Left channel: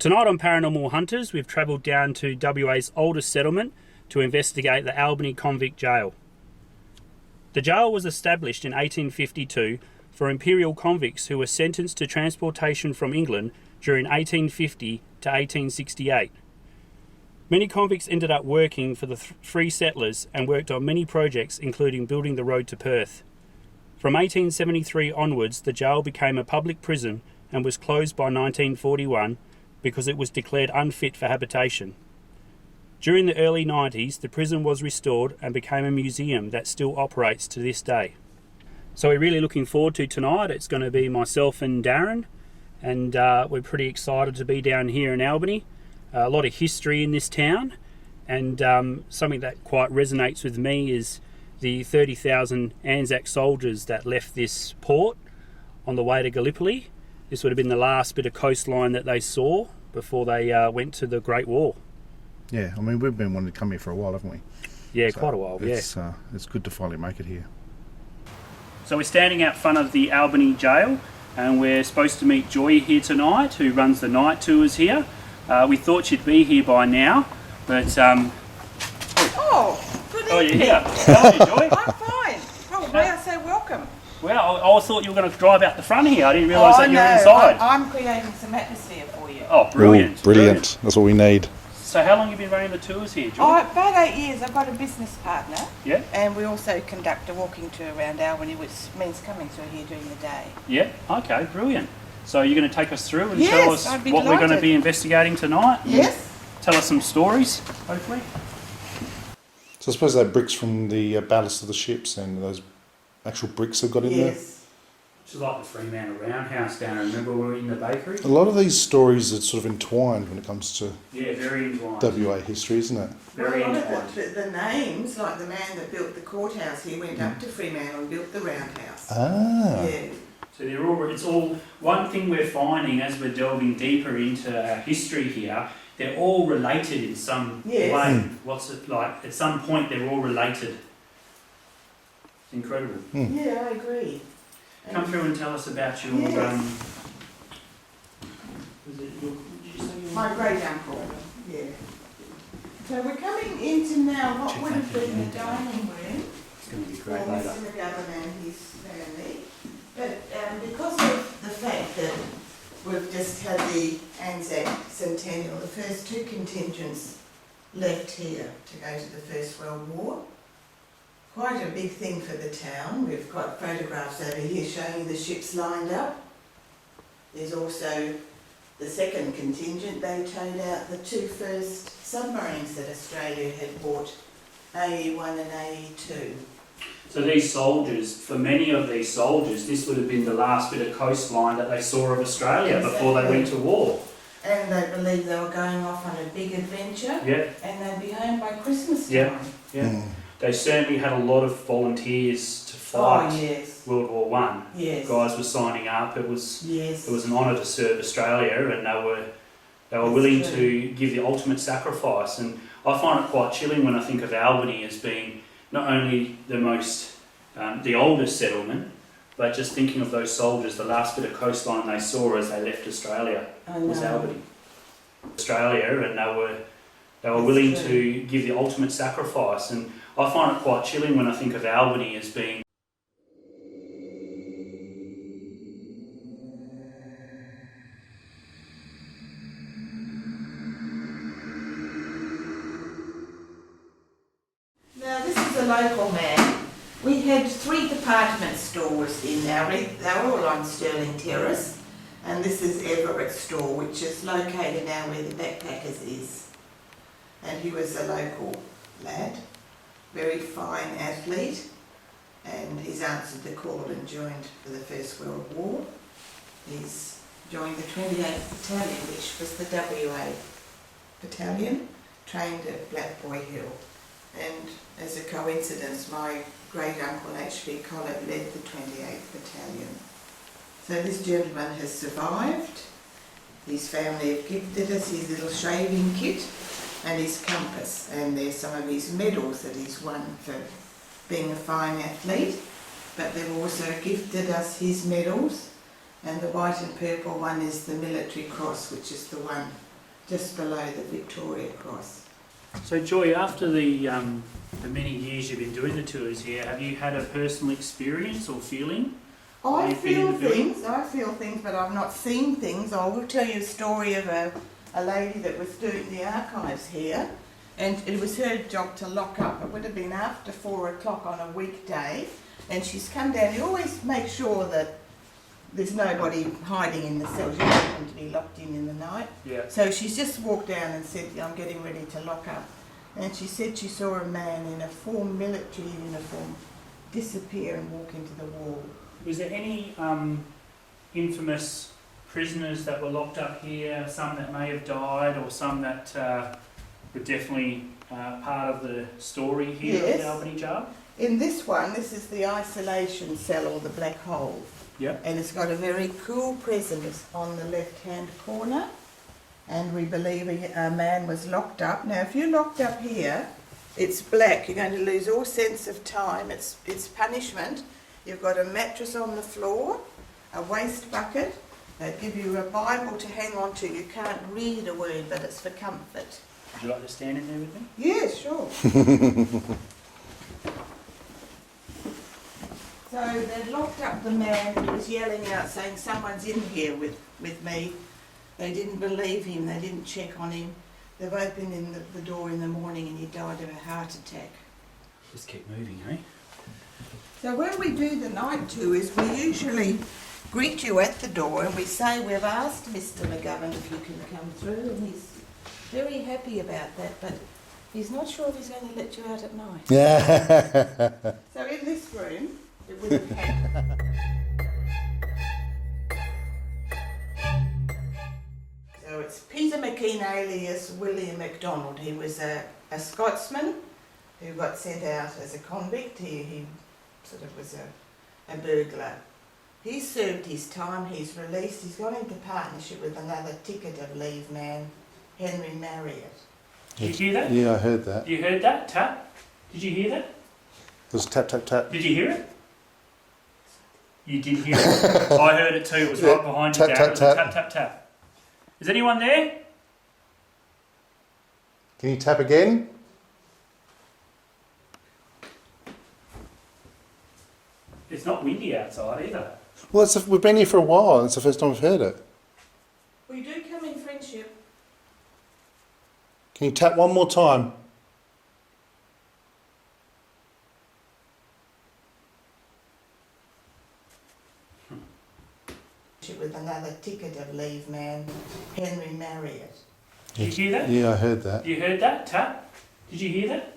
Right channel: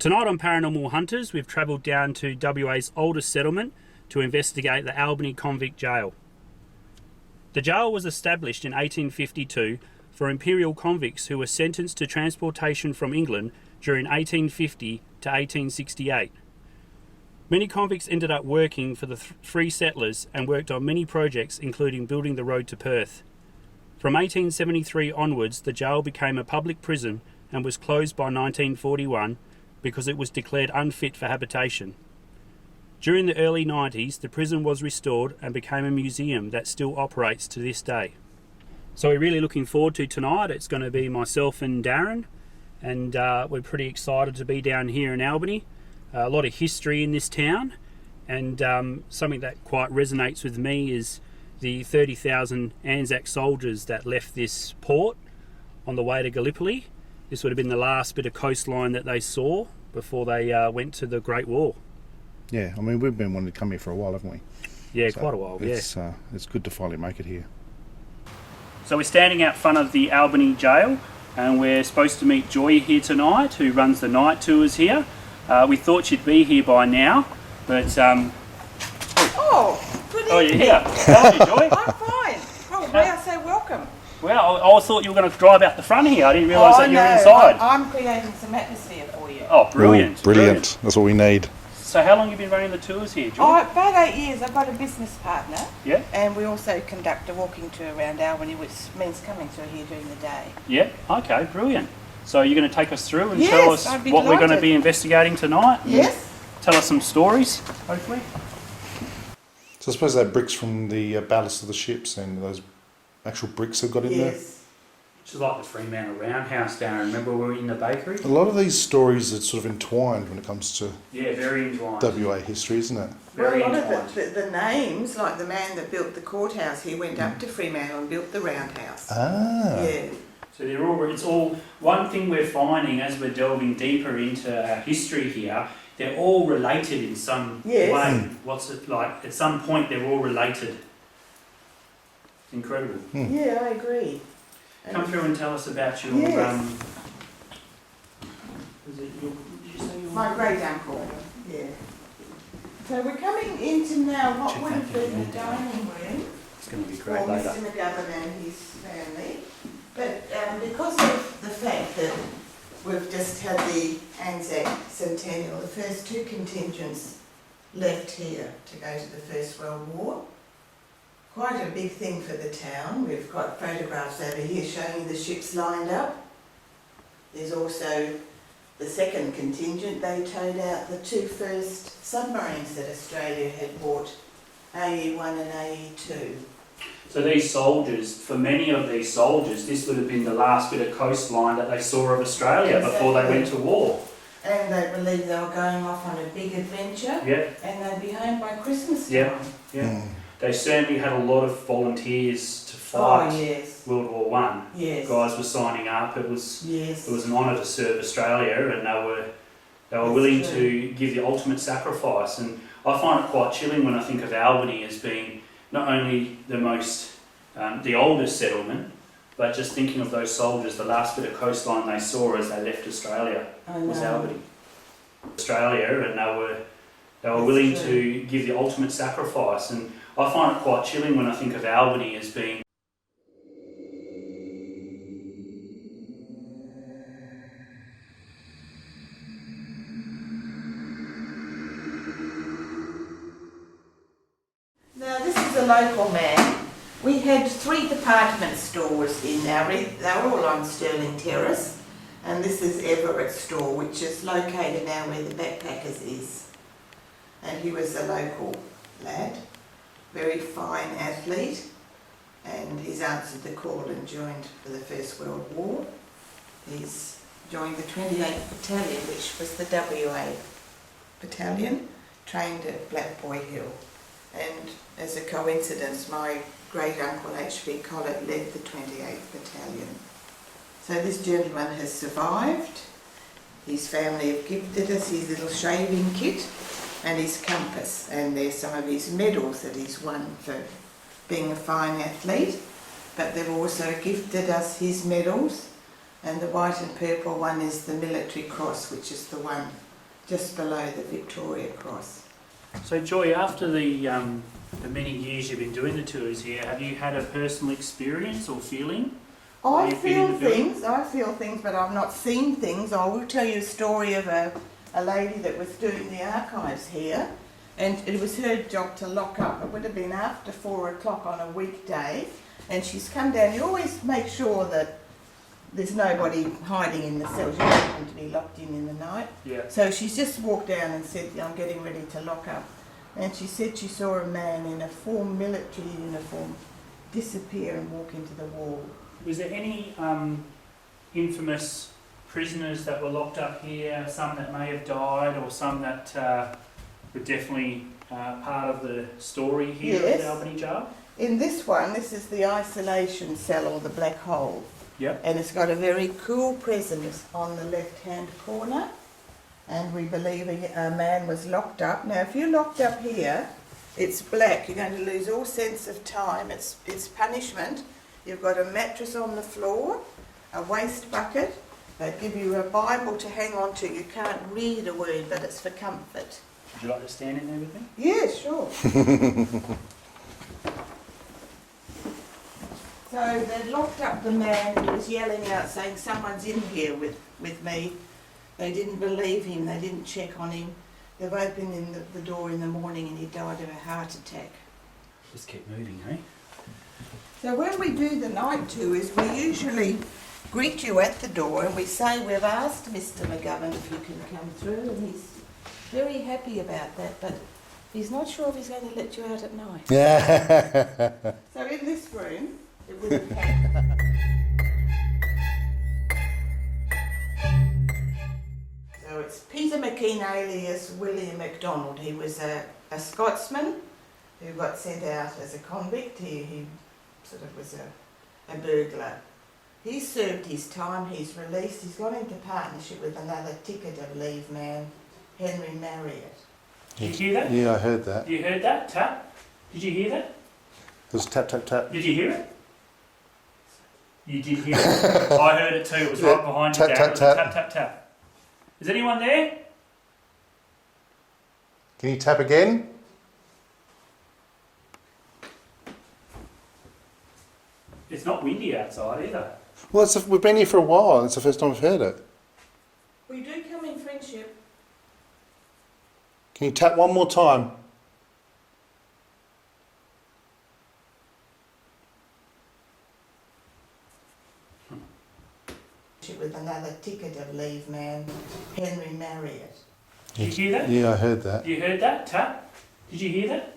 Tonight on Paranormal Hunters, we've travelled down to WA's oldest settlement to investigate the Albany Convict Jail. The jail was established in 1852 for imperial convicts who were sentenced to transportation from England during 1850 to 1868. Many convicts ended up working for the free settlers and worked on many projects, including building the road to Perth. From 1873 onwards, the jail became a public prison and was closed by 1941 because it was declared unfit for habitation. During the early 90s, the prison was restored and became a museum that still operates to this day. So we're really looking forward to tonight. It's going to be myself and Darren, and we're pretty excited to be down here in Albany. A lot of history in this town, and something that quite resonates with me is the 30,000 Anzac soldiers that left this port on the way to Gallipoli. This would have been the last bit of coastline that they saw before they went to the Great War. Yeah, I mean, we've been wanting to come here for a while, haven't we? Yeah, so quite a while, it's good to finally make it here. So we're standing out front of the Albany Jail, and we're supposed to meet Joy here tonight, who runs the night tours here. We thought she'd be here by now, but... Oh, good evening. Oh, you're here. How are you, Joy? I'm fine. Oh, may I say welcome? Well, I thought you were going to drive out the front here. I didn't realise that you were inside. I'm creating some atmosphere for you. Oh, brilliant. Ooh, brilliant. That's what we need. So how long have you been running the tours here, Joy? Oh, about 8 years. I've got a business partner. Yeah. And we also conduct a walking tour around Albany, which means coming through here during the day. Yeah, okay, brilliant. So you're going to take us through and Yes, tell us I'd be what we're going to delighted. be investigating tonight? Yes. Tell us some stories, hopefully. So I suppose they're bricks from the ballast of the ships and those actual bricks they've got in there. Yes. Which is like the Fremantle Roundhouse, Darren. Remember we were in the bakery? A lot of these stories are sort of entwined when it comes to Yeah, very entwined. WA history, isn't it? Very well, a lot entwined. of the names, like the man that built the courthouse, he went up to Fremantle and built the roundhouse. Ah. Yeah. So it's all, one thing we're finding as we're delving deeper into our history here, they're all related in some Yes. way. What's it like? At some point they're all related. It's incredible. Yeah, I agree. Come through and tell us about your, Yes. was it your, did you say your... My great uncle, yeah. So we're coming into now what would have been the dining room It's going to be for great later. Mr. McGovern and his family. But because of the fact that we've just had the Anzac Centennial, the first two contingents left here to go to the First World War. Quite a big thing for the town. We've got photographs over here showing the ships lined up. There's also the second contingent. They towed out the two first submarines that Australia had bought, AE1 and AE2. So these soldiers, for many of these soldiers, this would have been the last bit of coastline that they saw of Australia before they went to war. And they believed they were going off on a big adventure. Yeah. And they'd be home by Christmas time. Yeah. They certainly had a lot of volunteers to fight Oh, yes. World War One. Yes. Guys were signing up. It was Yes. an honour to serve Australia, and they were That's willing true. to give the ultimate sacrifice. And I find it quite chilling when I think of Albany as being not only the most the oldest settlement, but just thinking of those soldiers, the last bit of coastline they saw as they left Australia was Albany. Australia, and they were willing to give the ultimate sacrifice. And I find it quite chilling when I think of Albany as being Now this is a local man. We had 3 department stores in Albany. They were all on Stirling Terrace. And this is Everett's store, which is located now where the Backpackers is. And he was a local lad, very fine athlete, and he's answered the call and joined for the First World War. He's joined the 28th Battalion, which was the WA battalion, trained at Black Boy Hill. And as a coincidence, my great uncle H.B. Collett led the 28th Battalion. So this gentleman has survived. His family have gifted us his little shaving kit and his compass, and there's some of his medals that he's won for being a fine athlete, but they've also gifted us his medals, and the white and purple one is the Military Cross, which is the one just below the Victoria Cross. So Joy, after the many years you've been doing the tours here, have you had a personal experience or feeling? I feel things, but I've not seen things. I will tell you a story of a lady that was doing the archives here, and it was her job to lock up. It would have been after 4 o'clock on a weekday, and she's come down. You always make sure that there's nobody hiding in the cells. You don't want them to be locked in the night. Yeah. So she's just walked down and said, I'm getting ready to lock up. And she said she saw a man in a full military uniform disappear and walk into the wall. Was there any infamous prisoners that were locked up here, some that may have died or some that were definitely part of the story here at the Albany Jail? In this one, this is the isolation cell or the black hole. Yep. And it's got a very cool presence on the left-hand corner. And we believe a man was locked up. Now, if you're locked up here, it's black. You're going to lose all sense of time. It's punishment. You've got a mattress on the floor, a waste bucket. They give you a Bible to hang on to. You can't read a word, but it's for comfort. Would you like to stand in there with me? Yeah, sure. So they locked up the man. He was yelling out saying, someone's in here with me. They didn't believe him. They didn't check on him. They've opened the door in the morning and he died of a heart attack. Just keep moving, eh? So when we do the night tours, we usually greet you at the door and we say, we've asked Mr. McGovern if you can come through, and he's very happy about that, but he's not sure if he's going to let you out at night. Yeah. So in this room, it would have had... So it's Peter McKean alias William MacDonald. He was a Scotsman who got sent out as a convict. He sort of was a burglar. He's served his time, he's released, he's gone into partnership with another ticket of leave man, Henry Marriott. Did you hear that? Yeah, I heard that. You heard that? Tap? Did you hear that? It was tap, tap, tap. Did you hear it? You did hear it. I heard it too. It was right behind you, Tap, Darren. tap, It was a tap. tap, tap, tap. Is anyone there? Can you tap again? It's not windy outside either. Well, we've been here for a while. It's the first time I've heard it. We do come in friendship. Can you tap one more time? With another ticket of leave man, Henry Marriott. Did you hear that? Yeah, I heard that. You heard that? Tap? Did you hear that?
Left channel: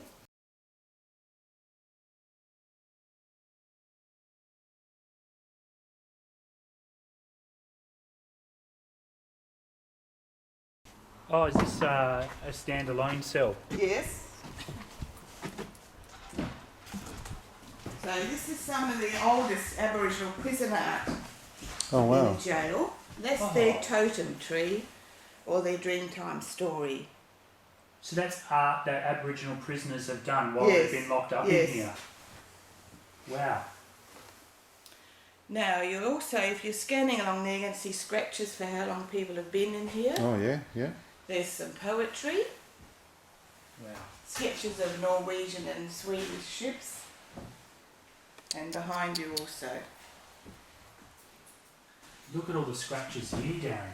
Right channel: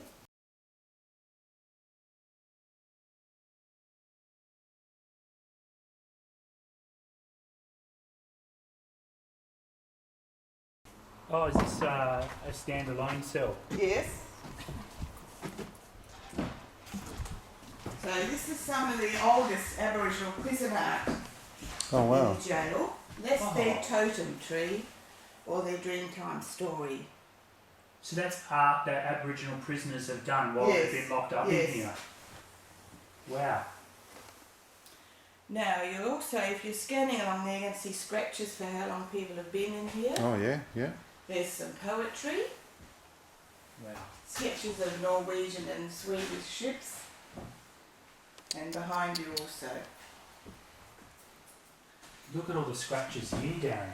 Oh, is this a standalone cell? Yes. So this is some of the oldest Aboriginal prison art Oh, wow. in the jail. That's their totem tree or their Dreamtime story. So that's art that Aboriginal prisoners have done while Yes, they've been locked up yes. in here. Wow. Now, you also, if you're scanning along there, you can see scratches for how long people have been in here. Oh, yeah, yeah. There's some poetry, Wow. sketches of Norwegian and Swedish ships, and behind you also. Look at all the scratches here, Darren.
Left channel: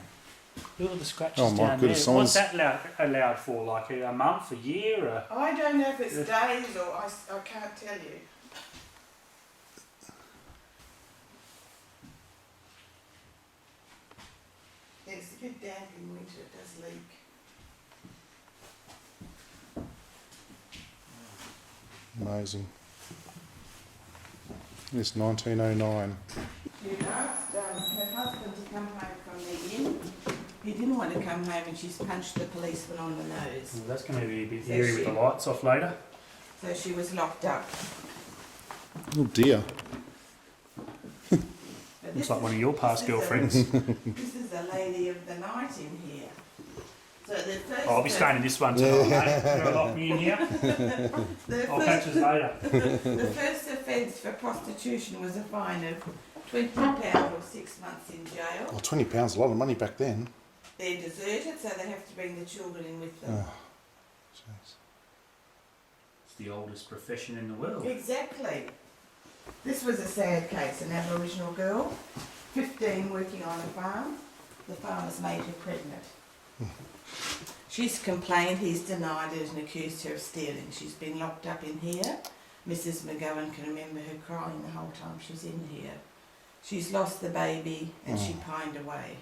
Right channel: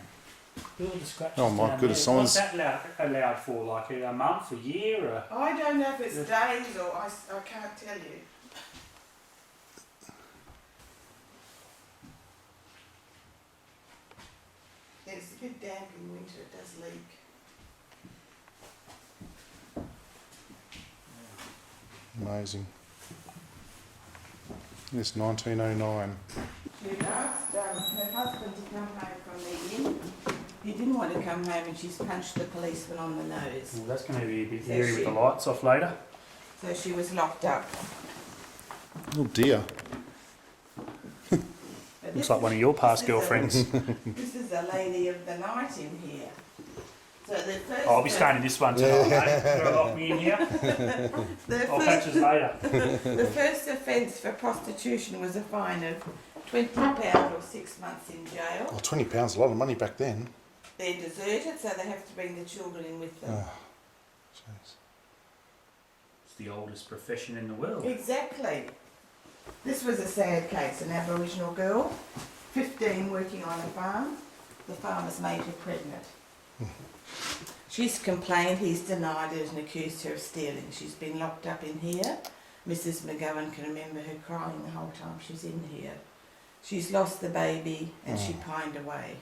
Look at all the scratches Oh, my down goodness, there. What's someone's- that allowed for? Like a month, a year? Or... I don't know if it's days or I can't tell you. It's a bit damp in winter, it does leak. Amazing. It's 1909. She asked her husband to come home from the inn. He didn't want to come home and she's punched the policeman on the nose. Well, that's going to be a bit So eerie with the lights off later. So she was locked up. Oh, dear. But Looks this like is- one of your past this is a- girlfriends. This is a lady of the night in here. So the first Oh, I'll be staying in this one tonight, mate. You're going to lock me in here? the I'll first- catch us later. The first offence for prostitution was a fine of £20 or 6 months in jail. Oh, £20, a lot of money back then. they're deserted, so they have to bring the children in with them. Oh, jeez. It's the oldest profession in the world. Exactly. This was a sad case, an Aboriginal girl, 15, working on a farm. The farmer's made her pregnant. She's complained, he's denied it and accused her of stealing. She's been locked up in here. Mrs. McGowan can remember her crying the whole time she's in here. She's lost the baby and she pined away.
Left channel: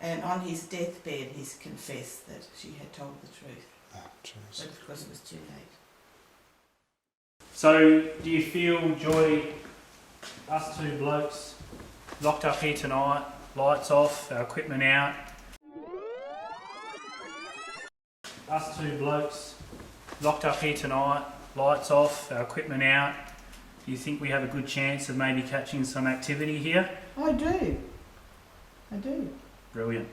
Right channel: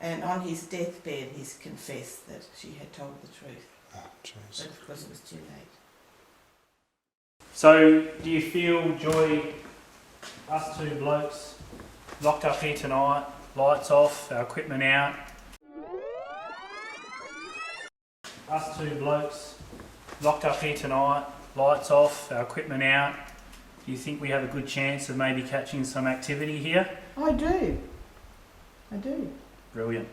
And on his deathbed, he's confessed that she had told the truth. Oh, jeez. But of course it was too late. So, do you feel, Joy, us two blokes locked up here tonight, lights off, our equipment out? Us two blokes locked up here tonight, lights off, our equipment out. Do you think we have a good chance of maybe catching some activity here? I do. I do. Brilliant.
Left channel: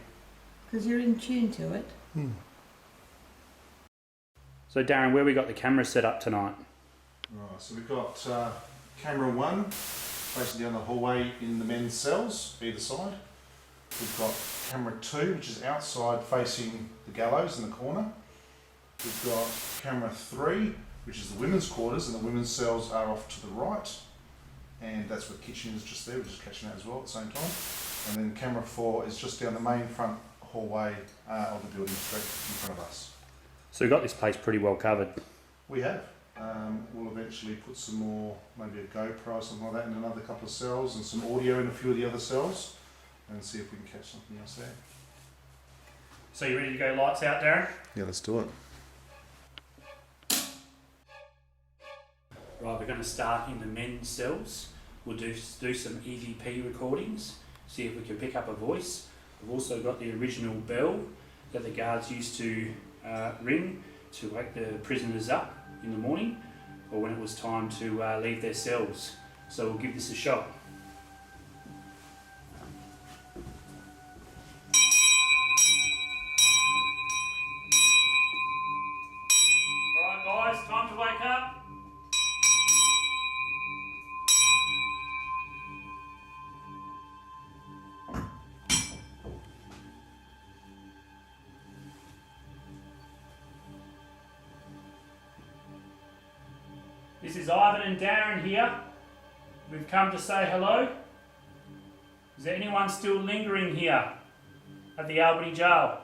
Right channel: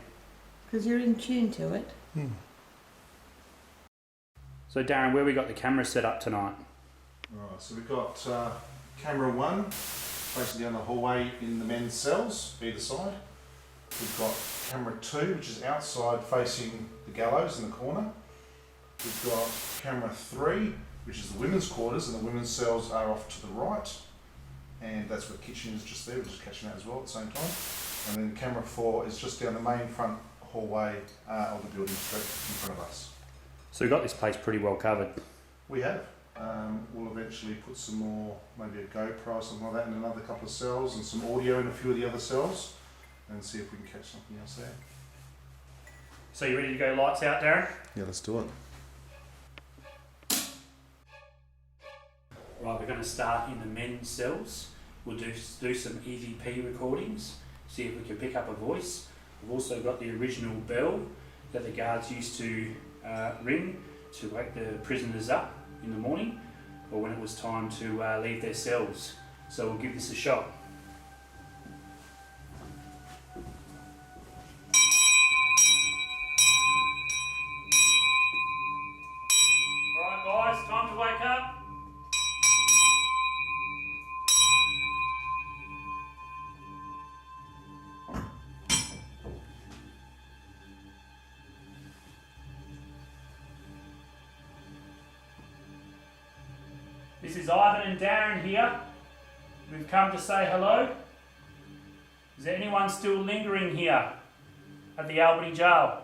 Because you're in tune to it. So Darren, where we got the camera set up tonight? Right, so we've got camera 1 facing down the hallway in the men's cells, either side. We've got camera 2, which is outside facing the gallows in the corner. We've got camera 3, which is the women's quarters, and the women's cells are off to the right. And that's where the kitchen is just there, we're just catching that as well at the same time. And then camera 4 is just down the main front hallway of the building straight in front of us. So we've got this place pretty well covered. We have. We'll eventually put some more, maybe a GoPro or something like that in another couple of cells and some audio in a few of the other cells and see if we can catch something else there. So you ready to go lights out, Darren? Yeah, let's do it. Right, we're going to start in the men's cells. We'll do some EVP recordings, see if we can pick up a voice. We've also got the original bell that the guards used to ring to wake the prisoners up in the morning or when it was time to leave their cells. So we'll give this a shot. Alright guys, time to wake up. This is Ivan and Darren here. We've come to say hello. Is there anyone still lingering here at the Albany Jail?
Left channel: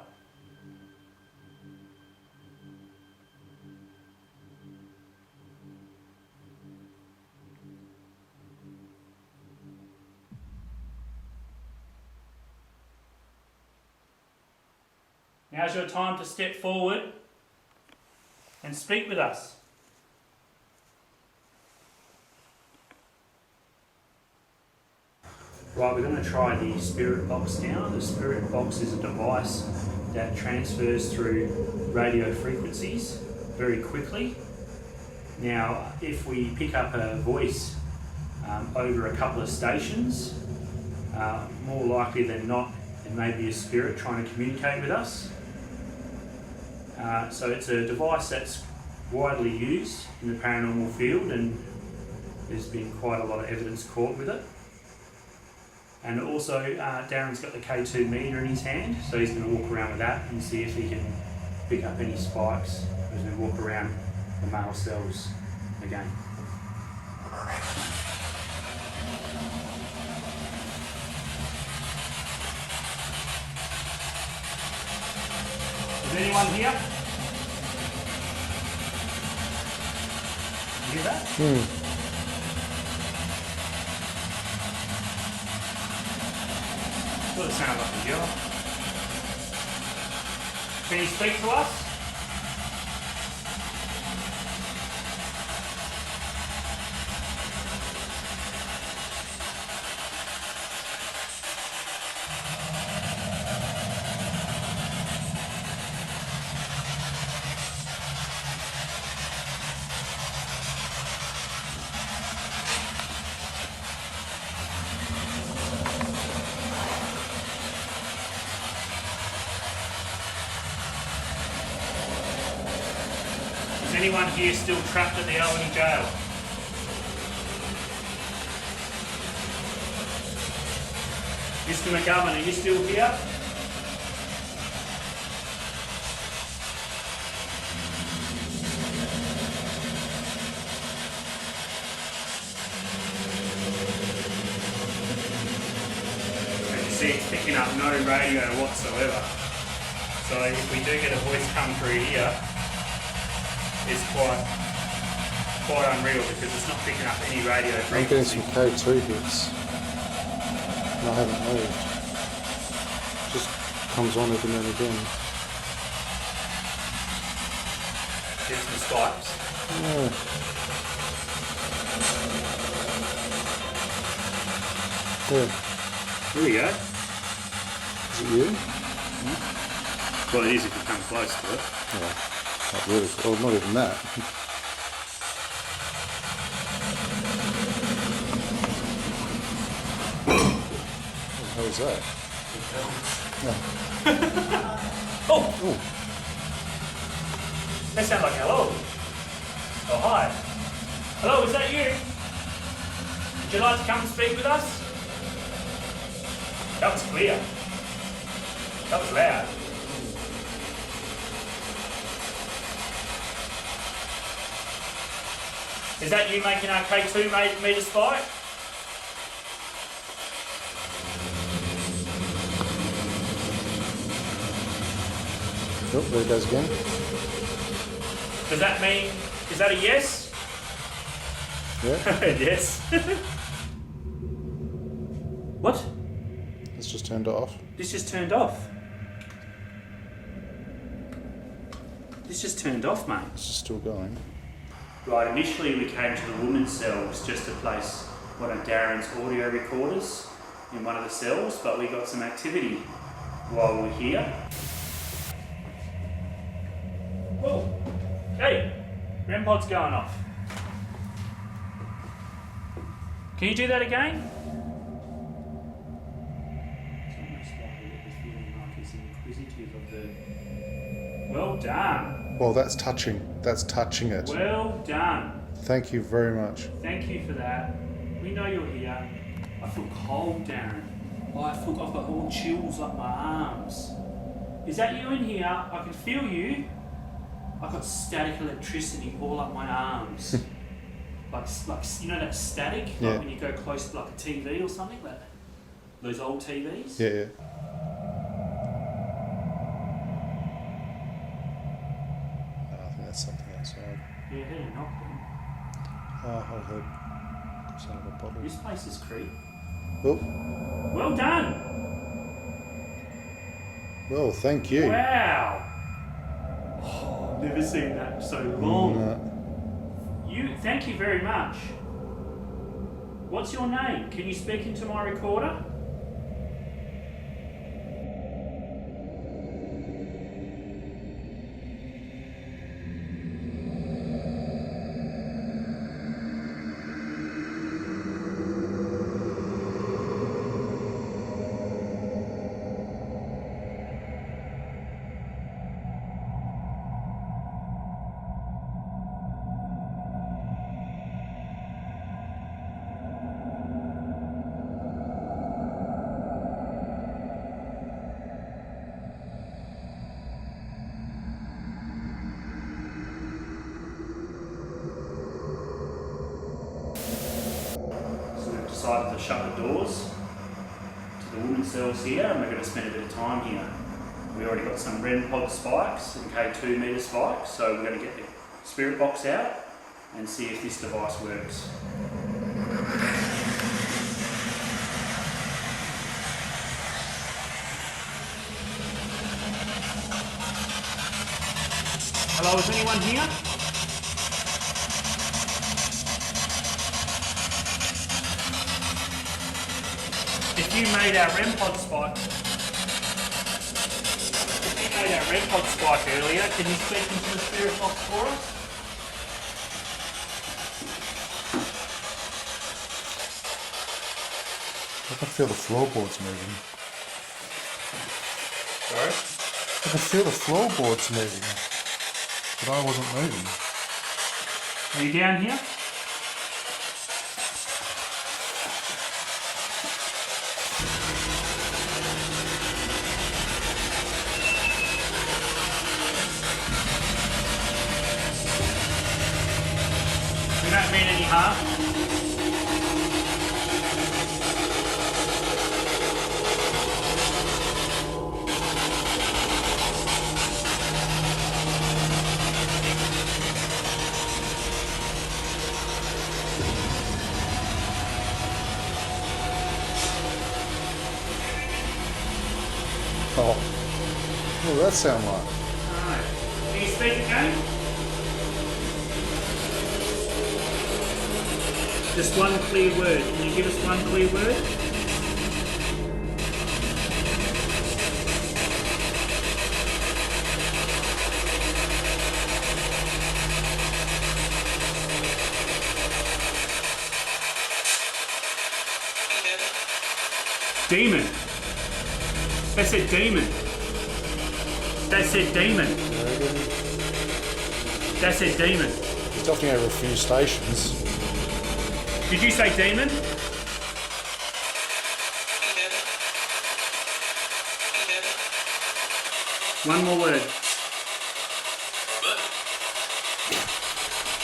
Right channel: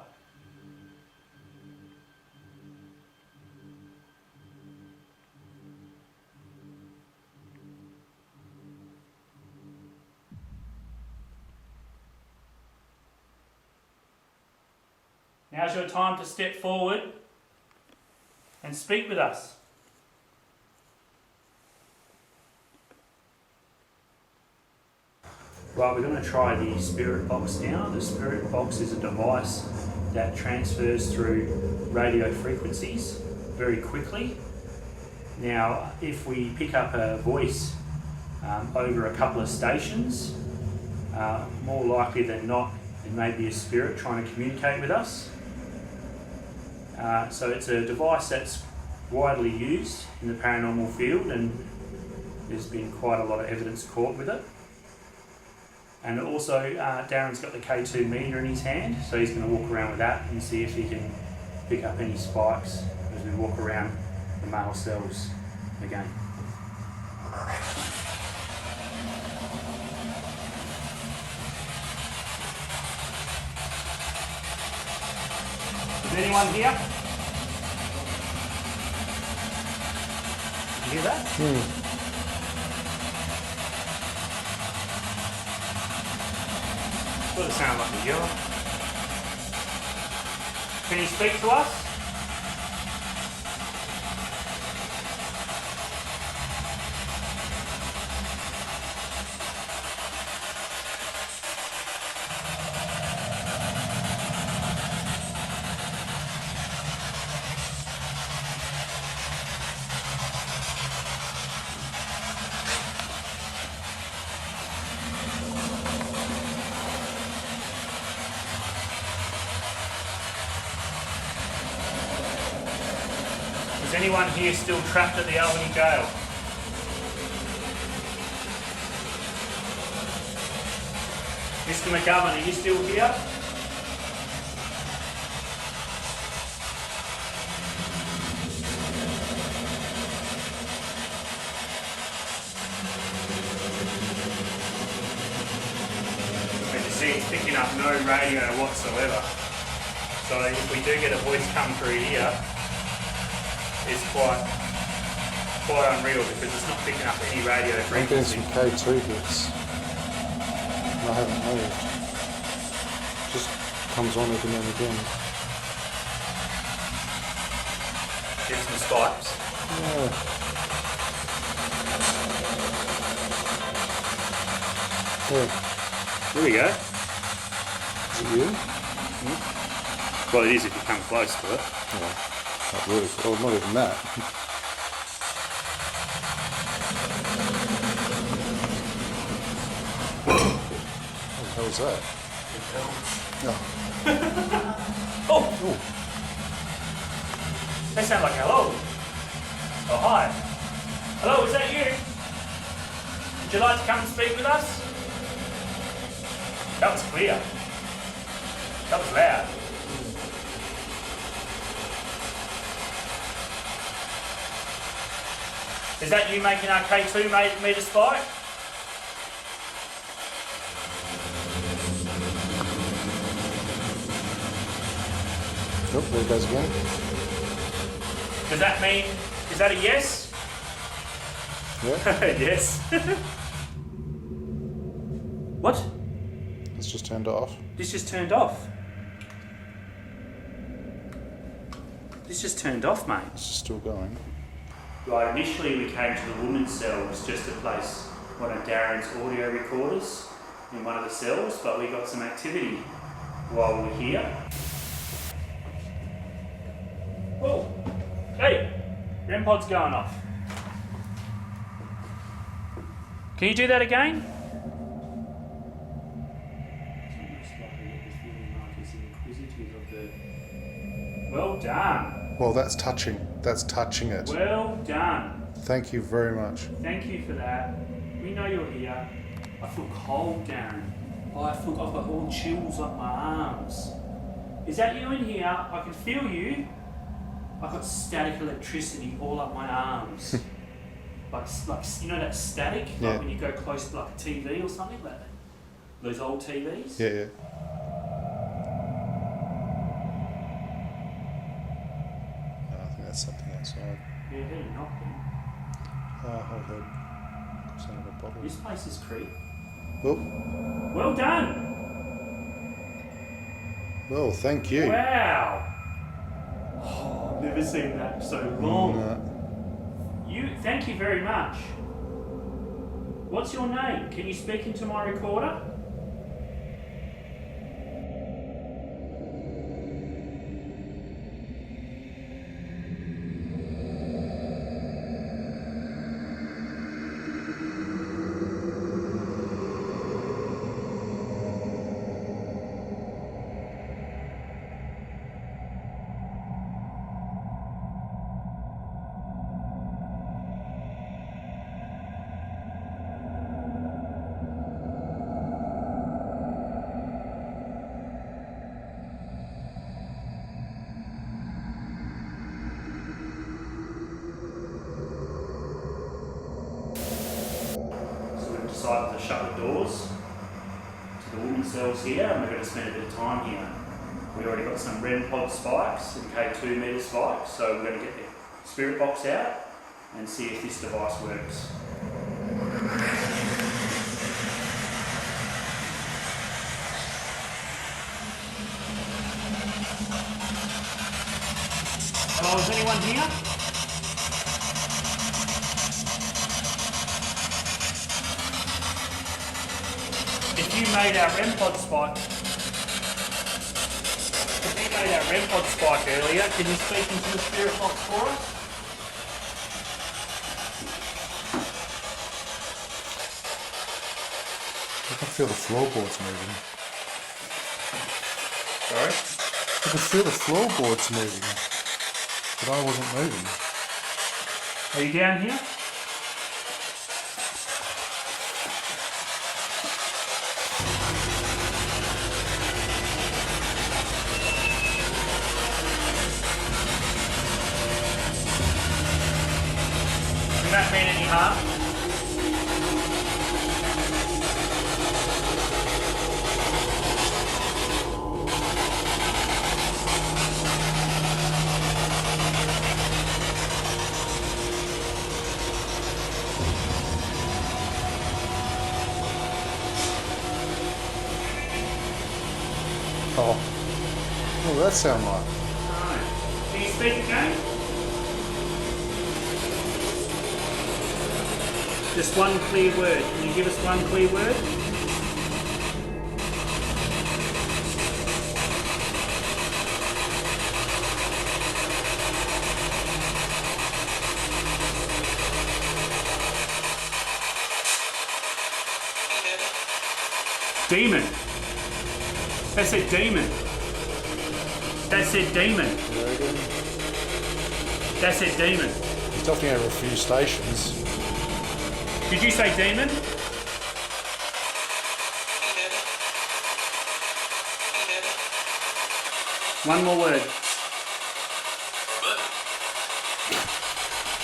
Now's your time to step forward and speak with us. Right, we're going to try the spirit box now. The spirit box is a device that transfers through radio frequencies very quickly. Now, if we pick up a voice over a couple of stations, more likely than not, it may be a spirit trying to communicate with us. So it's a device that's widely used in the paranormal field, and there's been quite a lot of evidence caught with it. And also, Darren's got the K2 meter in his hand, so he's going to walk around with that and see if he can pick up any spikes as we walk around the male cells again. Is anyone here? You hear that? Sort of sound like a yell. Can you speak to us? Is anyone here still trapped at the Albany Gaol? Mr. McGovern, are you still here? it's picking up no radio whatsoever. So if we do get a voice come through here, it's quite unreal because it's not picking up any radio I'm getting frequency. some K2 hits. And I haven't moved. Just comes on every now and again. Get some spikes. Yeah. Yeah. There we go. Is it you? Well, it is if you come close to it. Yeah. Not really. Oh, not even that. What the hell is that? No. Oh! Oh. That sounds like hello. Oh, hi. Hello, is that you? Would you like to come and speak with us? That was clear. That was loud. Is that you making our K2 meter spike? Oh, there it goes again. Does that mean, is that a yes? Yeah. Yes. What? It's just turned off. This just turned off. This just turned off, mate. It's just still going. Right, initially we came to the women's cells just to place one of Darren's audio recorders in one of the cells, but we got some activity while we were here. Whoa! Hey! REM pod's going off. Can you do that again? It's almost like I get the feeling like he's inquisitive of the... Well done! Well, that's touching. That's touching it. Well done! Thank you very much. Thank you for that. We know you're here. I feel cold, Darren. Oh, I've got all chills up my arms. Is that you in here? I can feel you. I've got static electricity all up my arms. like you know that static? Yeah. Like when you go close to like a TV or something? Those old TVs? Yeah, yeah. No, I think that's something outside. Yeah, I heard a knock then. Oh, I heard sound of a bottle. This place is creep. Oh, Well done! well, thank you. Wow! Oh, I've never seen that so long. Thank you very much. What's your name? Can you speak into my recorder? Decided to shut the doors to the women's cells here, and we're going to spend a bit of time here. We already got some REM pod spikes and K2 meter spikes, so we're going to get the spirit box out and see if this device works. Hello, is anyone here? If you made our REM pod spike, earlier, can you speak into the spirit box for us? I can feel the floorboards moving. Sorry? I can feel the floorboards moving, but I wasn't moving. Are you down here? We don't mean any harm. What does that sound like? Alright. Can you speak again? Just one clear word. Can you give us one clear word? Demon. That said demon. That said demon. You reckon? That said demon. He's definitely over a few stations. Did you say demon? One more word.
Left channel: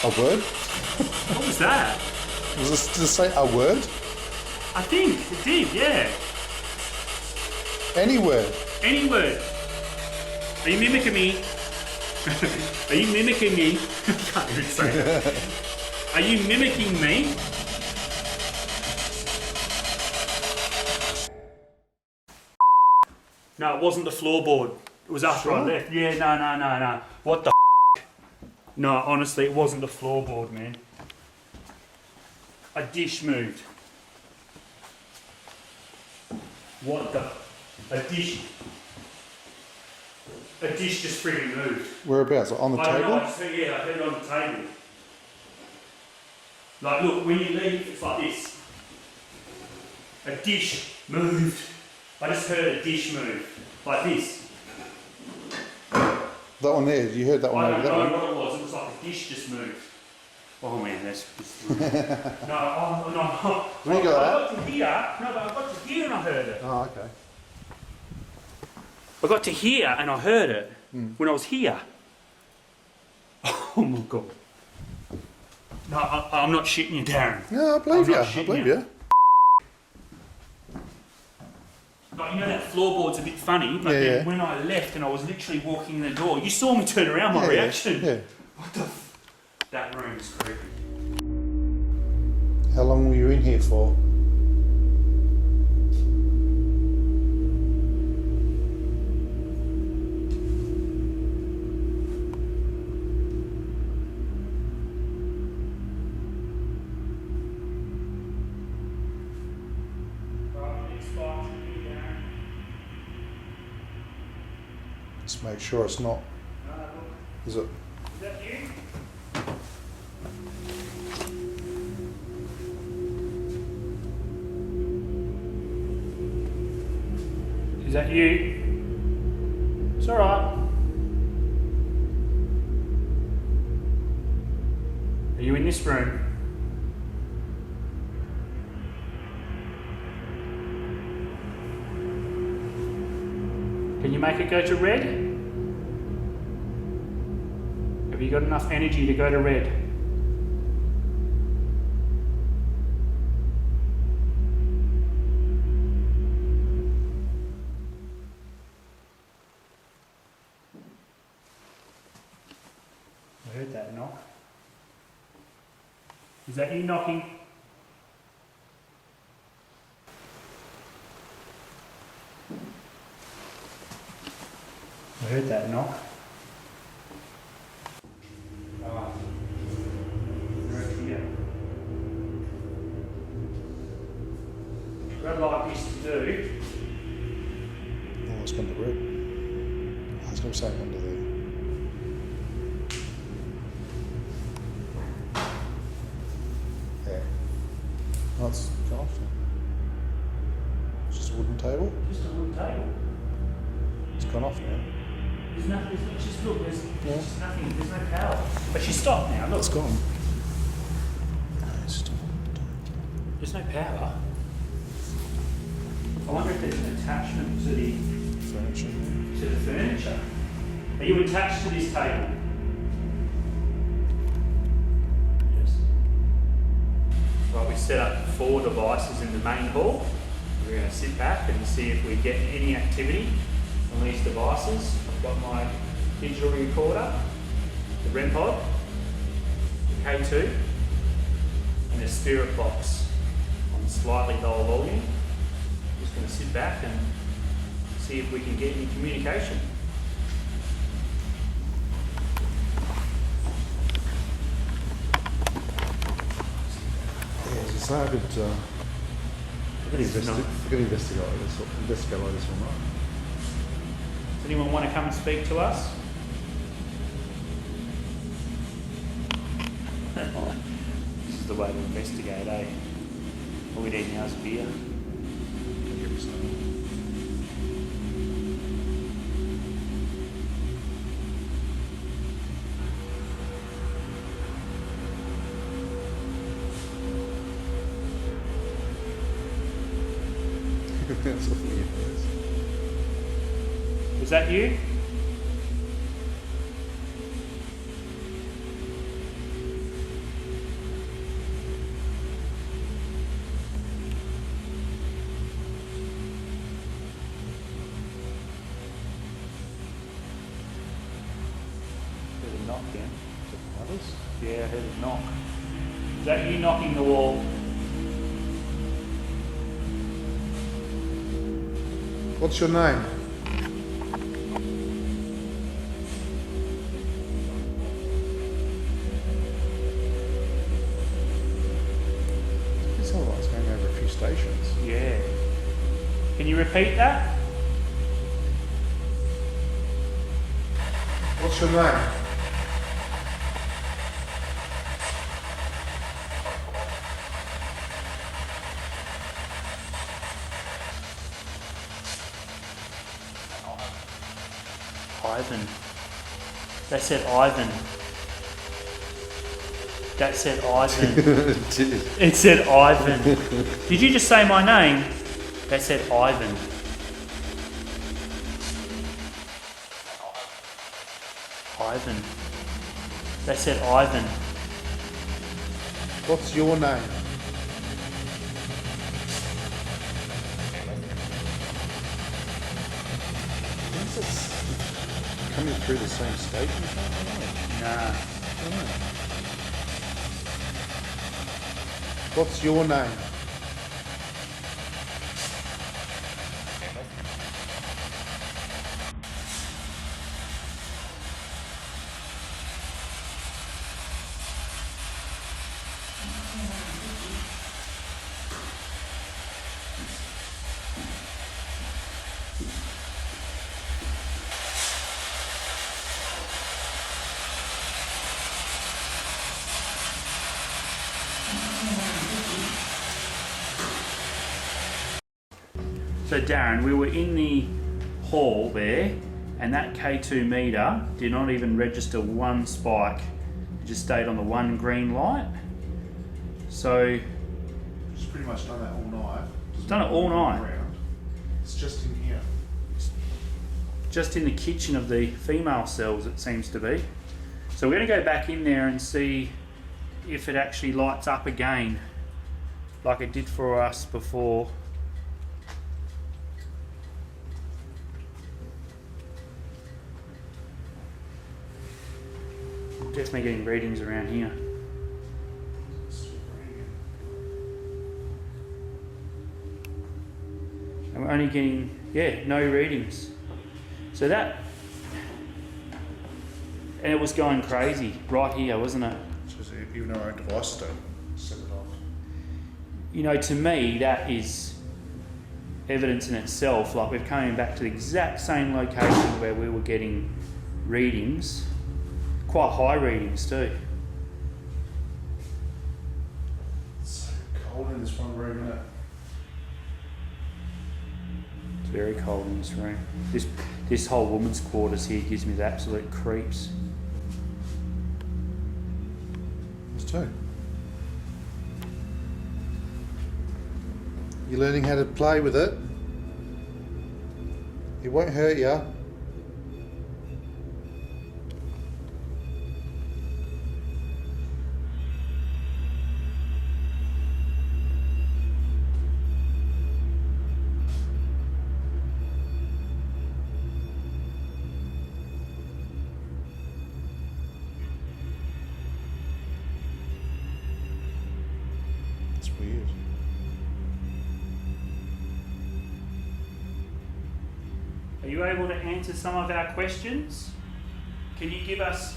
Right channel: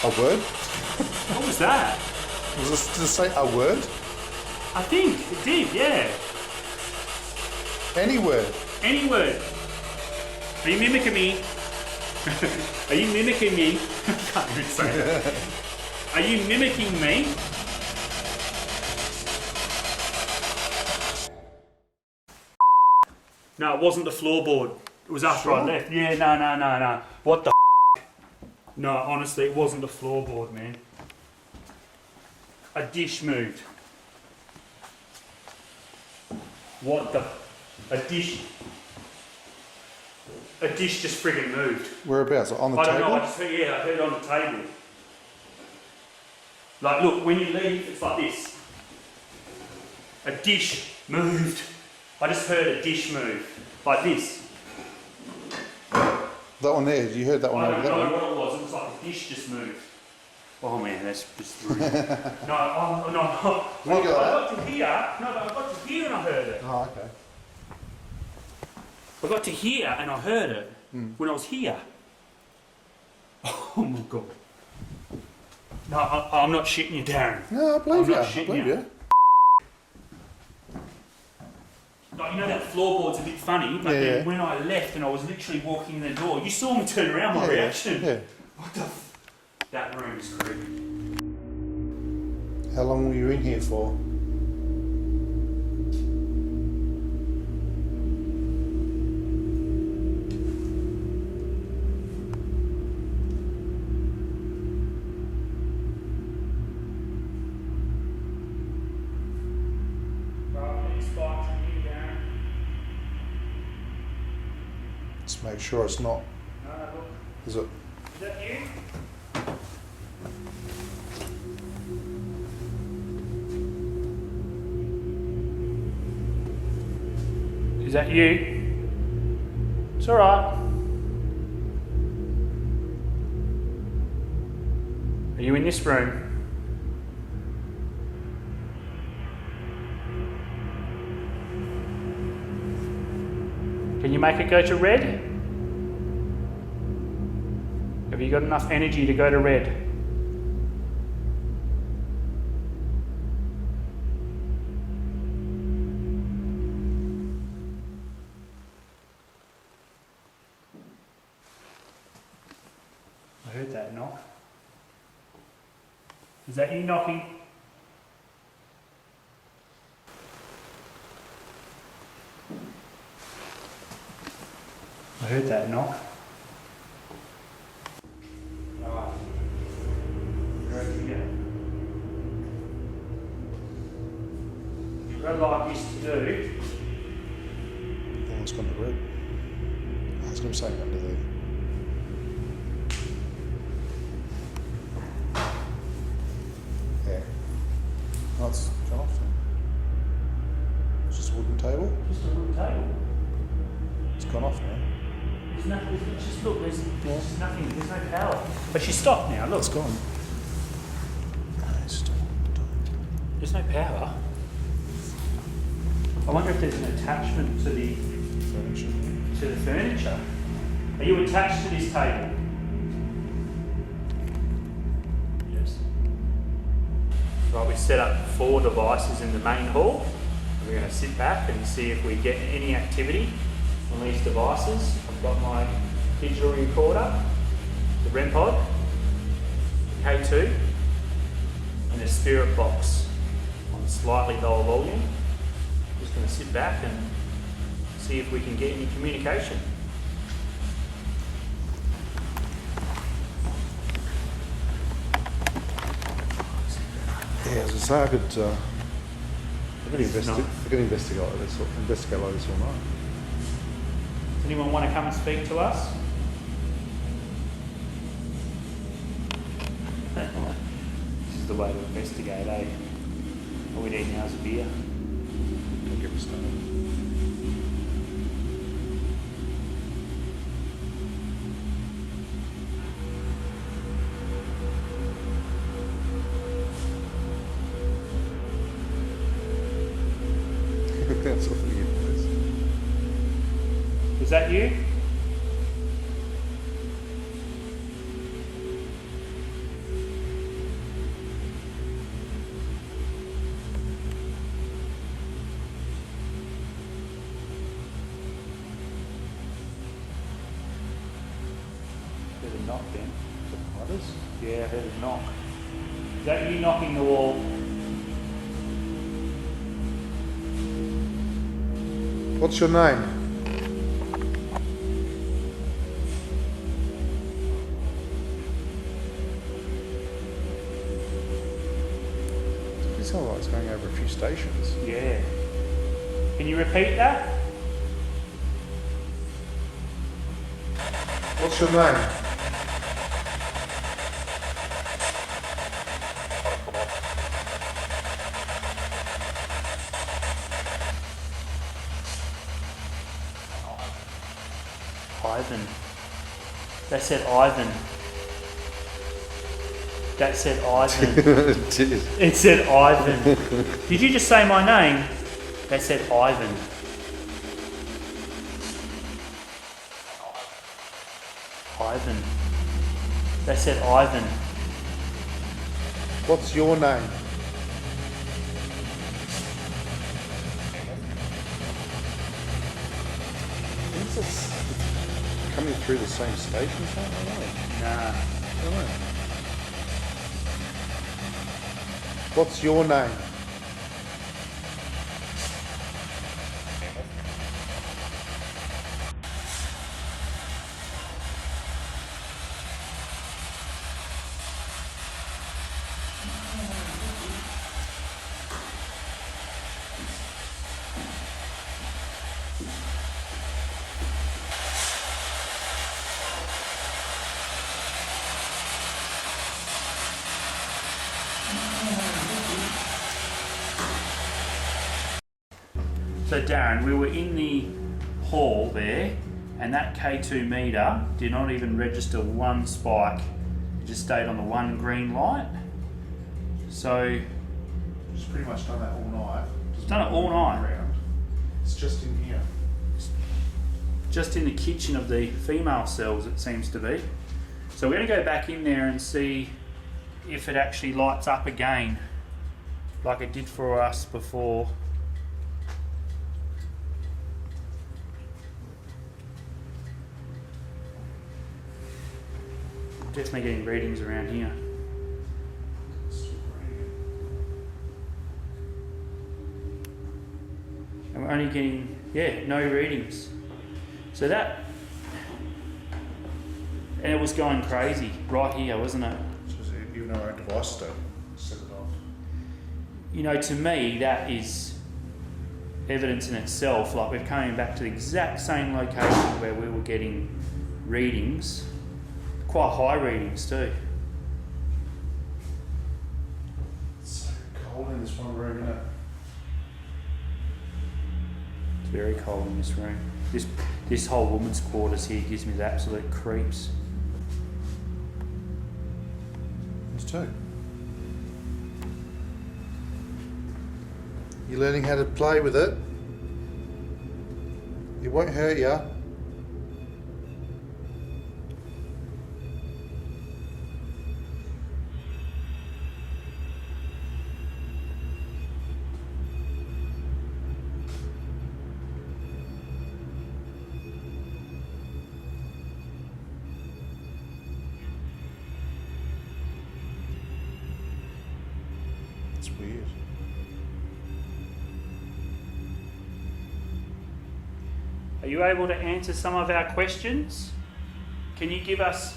A word? What was that? Did it say a word? I think it did, yeah. Any word? Any word. Are you mimicking me? Are you mimicking me? I can't even say it. Are you mimicking me? No, it wasn't the floorboard. It was after I left. Yeah, no. What the No, honestly, it wasn't the floorboard, man. A dish moved. What the? A dish just friggin' moved. Whereabouts? On the I don't table? know, I heard it on the table. Like, look, when you leave, it's like this. A dish moved. I just heard a dish move. Like this. That one there, you heard that one I over don't there? know what it was. It was like a dish just moved. Oh man, that's just... no. When you got I got to hear. No, but I got to hear and I heard it. Oh, okay. I got to hear and I heard it when I was here. Oh my god. No, I'm not shitting you, Darren. No, I believe I'm you. not I shitting believe you. you. Like, you know that floorboard's a bit funny, but Yeah, then yeah. when I left and I was literally walking in the door, you saw me turn around, my reaction. Yeah. What the That room is creepy. How long were you in here for? Let's make sure it's not. No, look. Is it? Is that you? Is that you? It's alright. Are you in this room? Can you make it go to red? Have you got enough energy to go to red? I heard that knock. Is that you knocking? I heard that knock. Right. Right here. What I'd like this to do. Oh, it's gone to red. I was going to say under there. There. Oh, it's gone off now. It's just a wooden table. Just a wooden table. It's gone off now. There's nothing. Just look. There's just nothing. There's no power. But she's stopped now. Look. It's gone. No, it's still There's no power. I wonder if there's an attachment to the furniture. Are you attached to this table? Yes. Right, we set up 4 devices in the main hall. We're going to sit back and see if we get any activity on these devices. I've got my digital recorder, the REM pod, the K2, and the spirit box on slightly lower volume. Just going to sit back and see if we can get any communication. to say, I could It's not. investigate like this all night. Does anyone want to come and speak to us? This is the way to investigate, eh? All we need now is beer. Don't get me started. That's awful weird. Was that you? Heard a knock then. Spiders? Yeah, I heard a knock. Is that you knocking the wall? What's your name? It sounds like it's going over a few stations. Yeah. Can you repeat that? What's your name? Ivan. That said Ivan. That said Ivan. It did. It said Ivan. Did you just say my name? That said Ivan. Ivan. That said Ivan. What's your name? Is this coming through the same station? I don't know. Nah. I don't know. What's your name? So Darren, we were in the hall there, and that K2 meter did not even register one spike. It just stayed on the one green light. So It's pretty much done that all night. Done it all night? Around. It's just in here. just in the kitchen of the female cells, it seems to be. So we're going to go back in there and see if it actually lights up again like it did for us before. Definitely getting readings around here. And we're only getting, no readings. So that, and it was going crazy right here, wasn't it? So even our own devices don't set it off. You know, to me, that is evidence in itself. Like, we're coming back to the exact same location where we were getting readings, quite high readings too. It's so cold in this one room, isn't it? It's very cold in this room. This whole woman's quarters here gives me the absolute creeps. Us too. You're learning how to play with it. It won't hurt you. It's weird. Are you able to answer some of our questions? Can you give us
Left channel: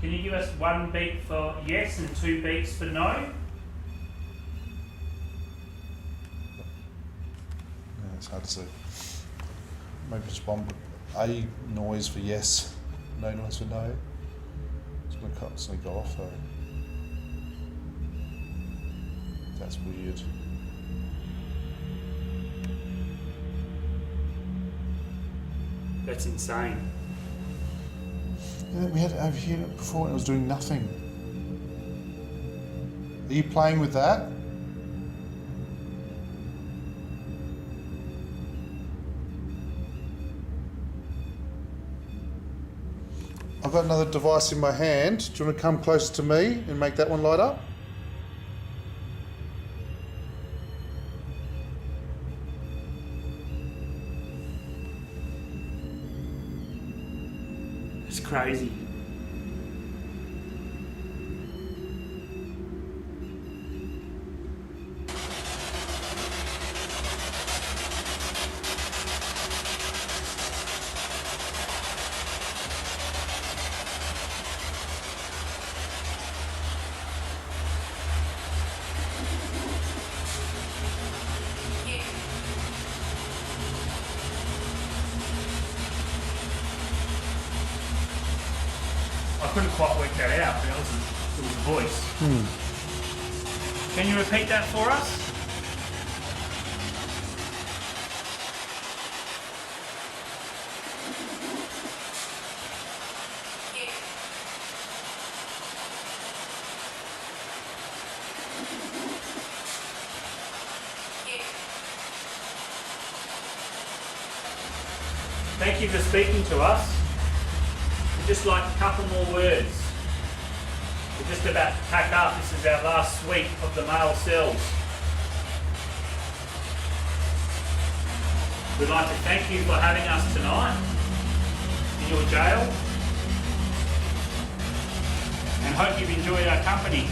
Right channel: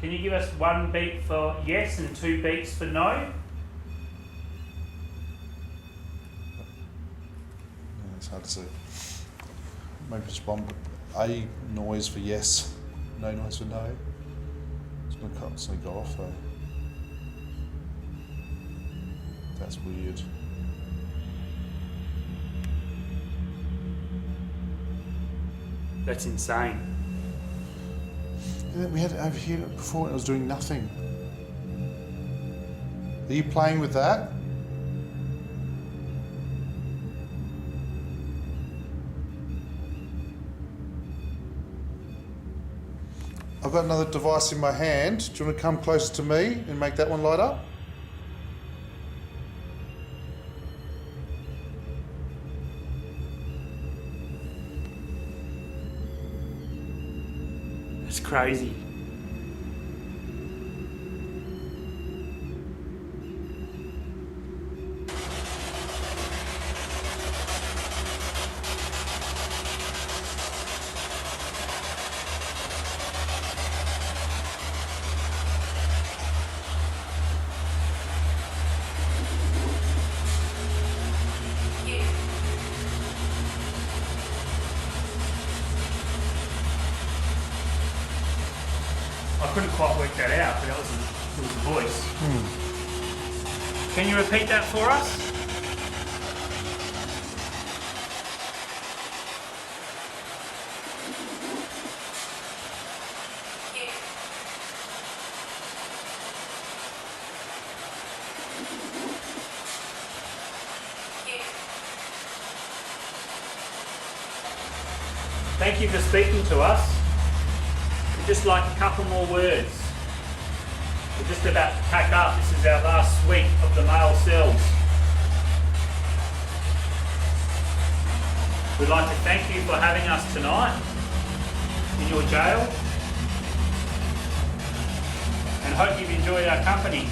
Can you give us 1 beat for yes and 2 beats for no? Yeah, it's hard to see. Maybe just one A noise for yes, no noise for no. It's going to constantly go off though. That's weird. That's insane. Yeah, we had it over here before and it was doing nothing. Are you playing with that? I've got another device in my hand. Do you want to come closer to me and make that one light up? That's crazy. I couldn't quite work that out, but it was a voice. Can you repeat that for us? Thank you for speaking to us. We'd just like a couple more words. We're just about to pack up. This is our last suite of the male cells. We'd like to thank you for having us tonight in your jail and hope you've enjoyed our company.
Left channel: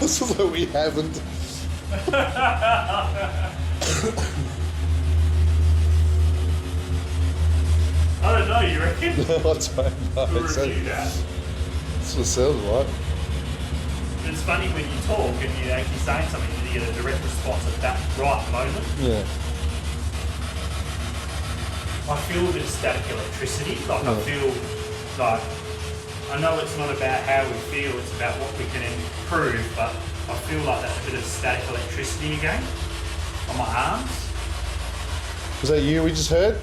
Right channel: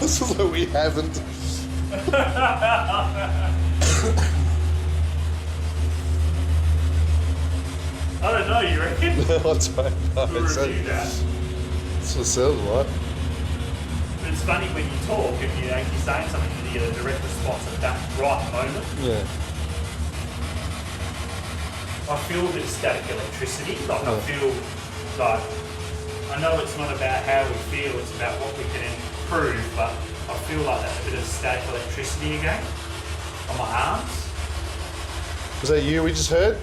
This is what we haven't. I don't know, you reckon? No, I don't know. We'll review that. That's what it sounds like. But it's funny when you talk and you're actually saying something and you get a direct response at that right moment. Yeah. I feel a bit of static electricity. Like I feel like, I know it's not about how we feel, it's about what we can improve, but I feel like that a bit of static electricity again on my arms. Was that you we just heard?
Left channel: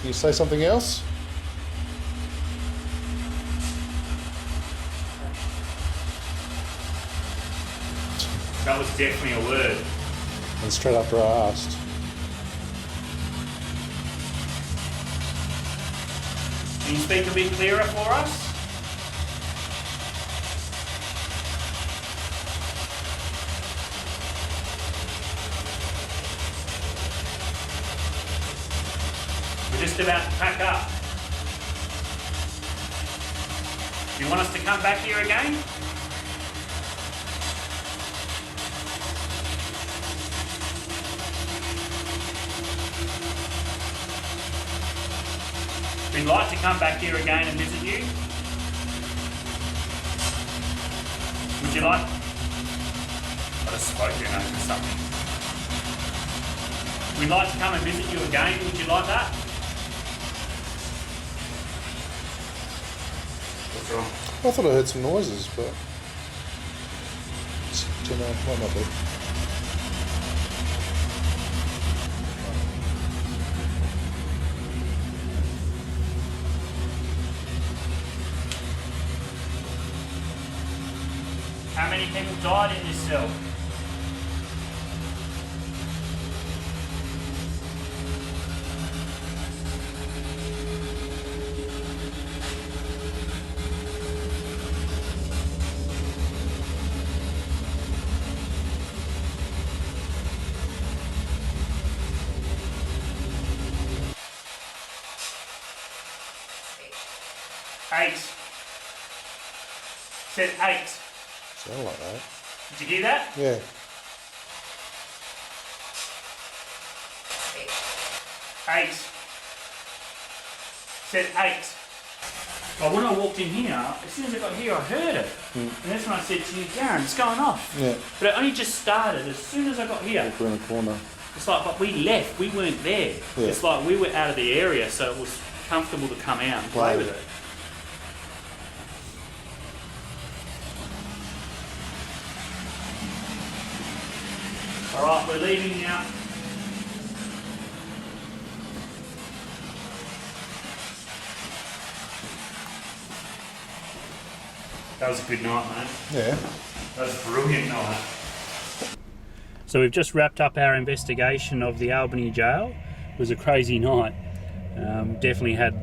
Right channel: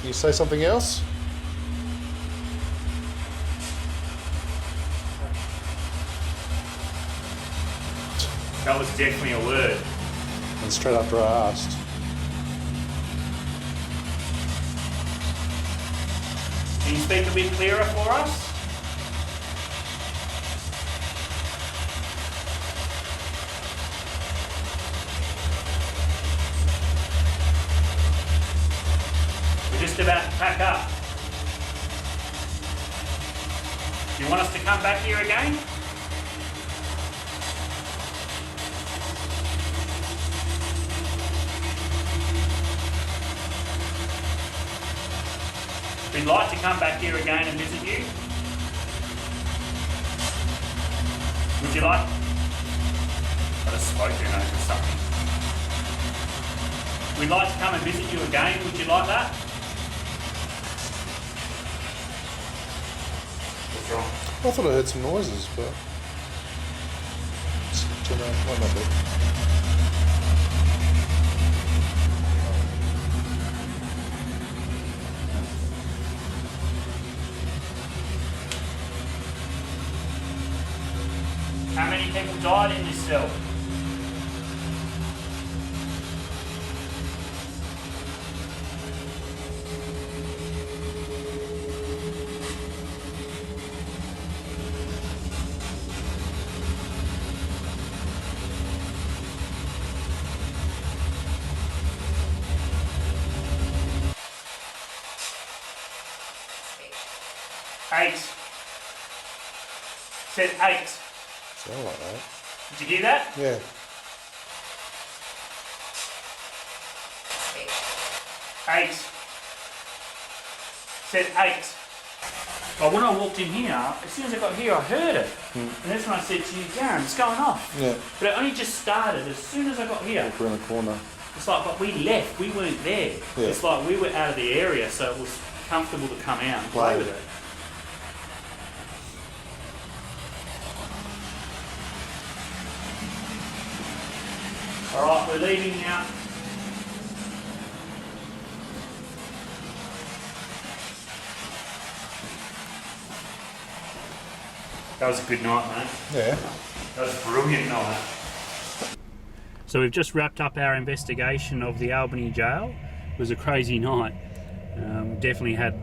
Can you say something else? That was definitely a word. And straight after I asked. Can you speak a bit clearer for us? We're just about to pack up. Do you want us to come back here again? We'd like to come back here again and visit you. Would you like? I just spoke in over something. We'd like to come and visit you again. Would you like that? What's wrong? I thought I heard some noises, but don't know, might not be. How many people died in this cell? Eight. Said 8. Sound like that. Did you hear that? Yeah. 8. said 8. But when I walked in here, as soon as I got here, I heard it. And that's when I said to you, Darren, it's going off. Yeah. But it only just started as soon as I got here. We're in the corner. It's like, but we left, we weren't there. Yeah. It's like we were out of the area, so it was comfortable to come out and play with it. Alright, we're leaving now. That was a good night, mate. Yeah. That was a brilliant night. So we've just wrapped up our investigation of the Albany Jail. It was a crazy night. Definitely had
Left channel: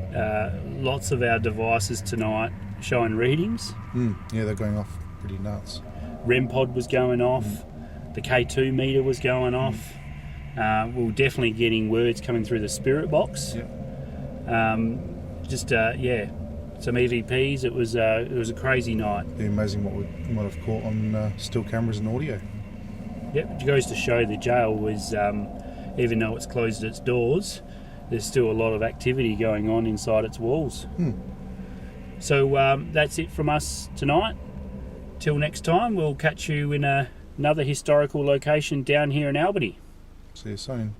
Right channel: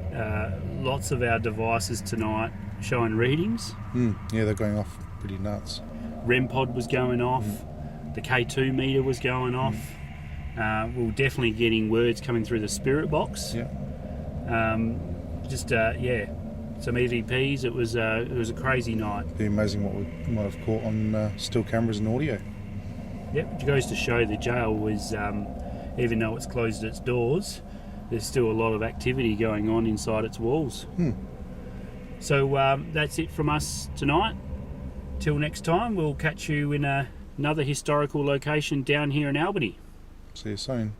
lots of our devices tonight showing readings. Yeah, they're going off pretty nuts. REM pod was going off. The K2 meter was going off. We were definitely getting words coming through the spirit box. Yeah. Some EVPs. It was a crazy night. It'd be amazing what we might have caught on still cameras and audio. Yep, it goes to show the jail was, even though it's closed its doors, there's still a lot of activity going on inside its walls. So that's it from us tonight. Till next time, we'll catch you in another historical location down here in Albany. See you soon.